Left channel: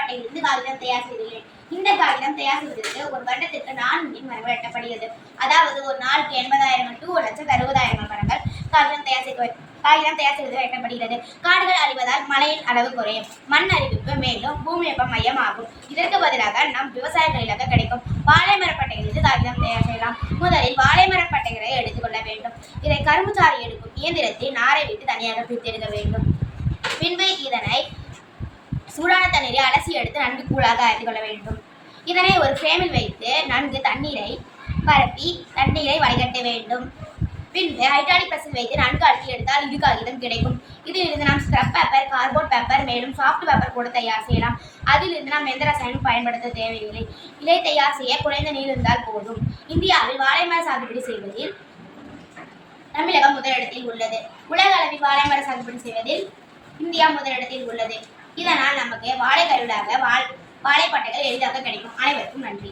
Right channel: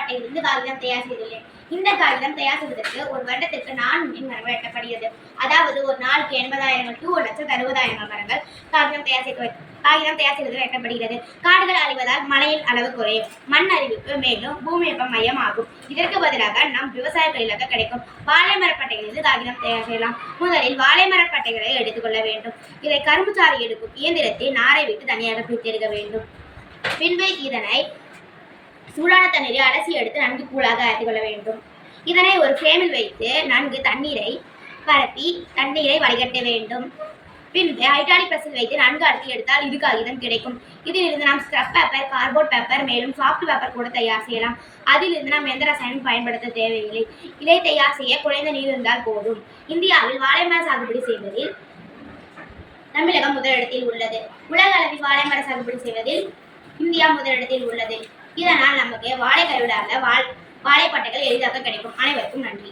பட்டையிலிருந்து காகிதம் தயார் செய்துள்ளேன். இந்த காகிதம் தயார் செய்வதற்கு ஒரு வருடத்திற்கு 4 மரங்கள் வெட்டப்படுகிறது. அதாவது ஒரு நாளுக்கு 80,000 to 1,60,000 மரங்கள் காகிதம் தயார் செய்வது வெட்டப்படுகிறது. காடுகள் அழிவதால் மழையின் அளவு குறையும், மண் அரிப்பு மேலும் பூமி வெப்ப மையம் ஆகும். இதற்கு பதிலாக நம் விவசாய தொழிலாக கிடைக்கும் வாழை மரப்பட்டைகளிலிருந்து காகிதம் தயார் செய்யலாம். முதலில் வாழை மரப்பட்டைகளை எடுத்துக்கொள்ள வேண்டும். இதை கரும்பு சாறு எடுக்கும் இயந்திரத்தை நாரை விட்டு தனியாக பிரித்தெடுக்க வேண்டும். பின்பு இதனை சூடான தண்ணீரை அலசி எடுத்து நன்கு கூழாக அரைத்து கொள்ள வேண்டும். இதனை ஒரு ஃப்ரேமில் வைத்து நன்கு தண்ணீரை பரப்பி தண்ணீரை வடிகட்ட வேண்டும். பின்பு ஹைட்ராலிக் பிரஸில் வைத்து நன்கு அழுத்தி எடுத்தால் இது காகிதம் கிடைக்கும். இதிலிருந்து நாம் ஸ்க்ரப் பேப்பர், கார்ட்போர்ட் பேப்பர் மேலும் சாஃப்ட் பேப்பர் கூட தயார் செய்யலாம். அதிலிருந்து நாம் எந்த ரசாயனம் பயன்படுத்த தேவையில்லை. இதை தயார் செய்ய குறைந்த நீர் இருந்தால் போதும். இந்தியாவில் வாழை மர சாகுபடி செய்வதில் தமிழகம் முதலிடத்தில் உள்ளது. உலக அளவில் வாழை மர சாகுபடி செய்வதில் இந்தியா முதலிடத்தில் உள்ளது. இதனால் நமக்கு வாழை கருவிடாக வாழைப்பட்டைகள் எளிதாக கிடைக்கும். அனைவருக்கும் நன்றி.